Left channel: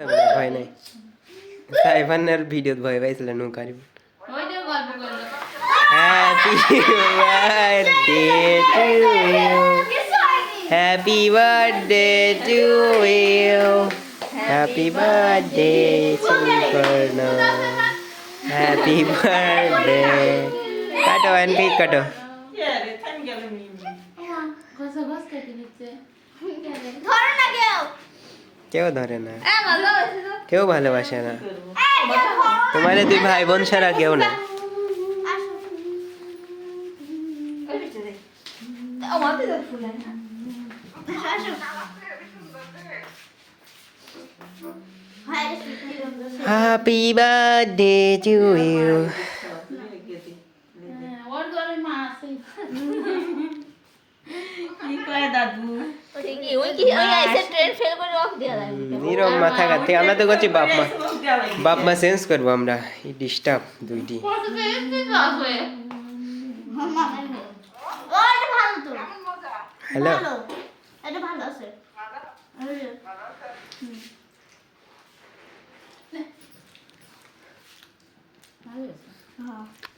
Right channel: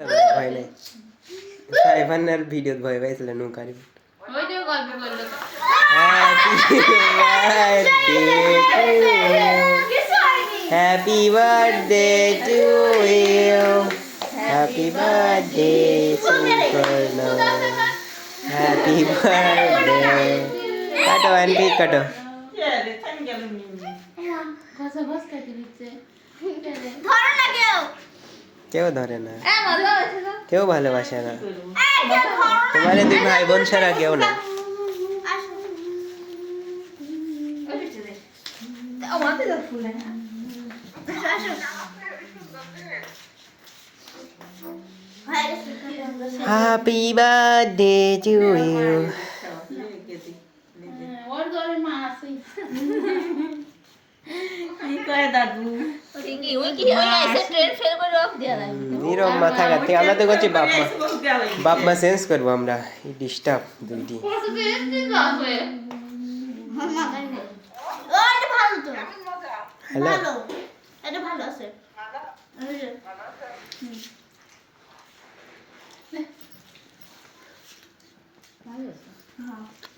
ভয় নাই সাইফানের ভিডিওত ভয় পাইছিল নৌকার ওই যে গল্প করলো happy birthday to you happy birthday to you happy birthday কাটো আন্টি কাটো ঘষা ঘষ কেটে দিচ্ছে ধরো না কেউ ধরে না কেউ কেউ ভালোবাসে না এই ধরো তোমার দুই ভাই বোন ছাড়া কেউ না আসো ওই পিছনে ও মাতে দাও ফুল না আসো hi happy birthday to you ওর ঘরে মা আছে ওই কি ওই আইসে ট্রেন ফেল করে রাখ দেয়া লাগবে নীরব মাথা কাটে আমরা তো করছি বাপ মা চেঞ্জ করবো আমরা ডিস্টার্ব দুইটি কত বেশ ঠিক আছে ও এটা ভালো তো হ্যালো ভালো এটা ভালো আছে ওই যে ভালো আছে হ্যাঁ